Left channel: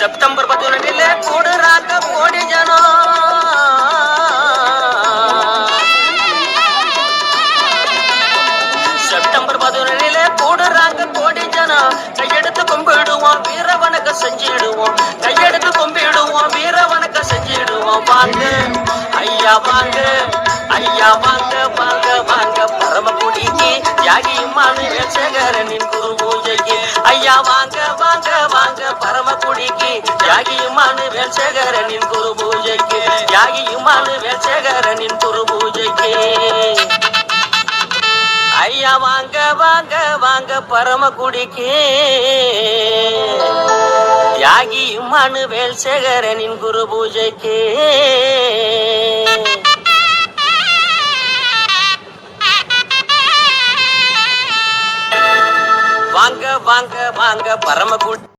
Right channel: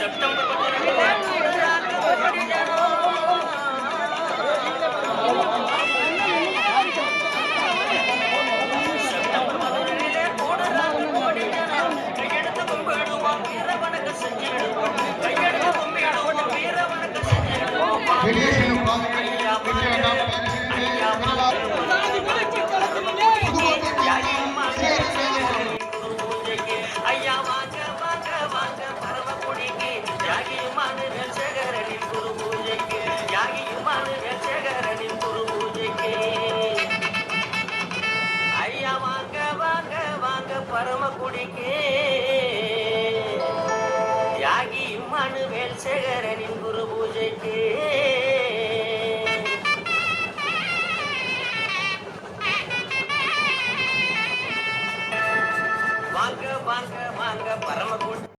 September 11 கூடுறாங்க கோடி ஜனம். September 11 கூடுறாங்க கோடி ஜனம். கையெடுத்து கும்பிடுவோம், வீர வணக்கம் செஞ்சிடுவோம். கையெடுத்து கும்பிடுவோம், வீர வணக்கம் செஞ்சிடுவோம். வாங்க ஐயா வாங்க, ஐயா வாங்க வாங்க வாங்க பரமக்குடிக்கு தியாகிமான சேகரனின் குரு பூஜைக்கு. ஐயா வாங்க வாங்க வாங்க பரமக்குடிக்கு தியாகிமான சேகரனின் குரு பூஜைக்கு. தியாகியுமான சேகரனின் குரு பூஜைக்கு. ஐயா வாங்க வாங்க வாங்க பரமக்குடிக்கு தியாகி இம்மானுவேல் சேகரனின் குரு பூஜைக்கு. வாங்க வாங்க வாங்க பரமக்குடி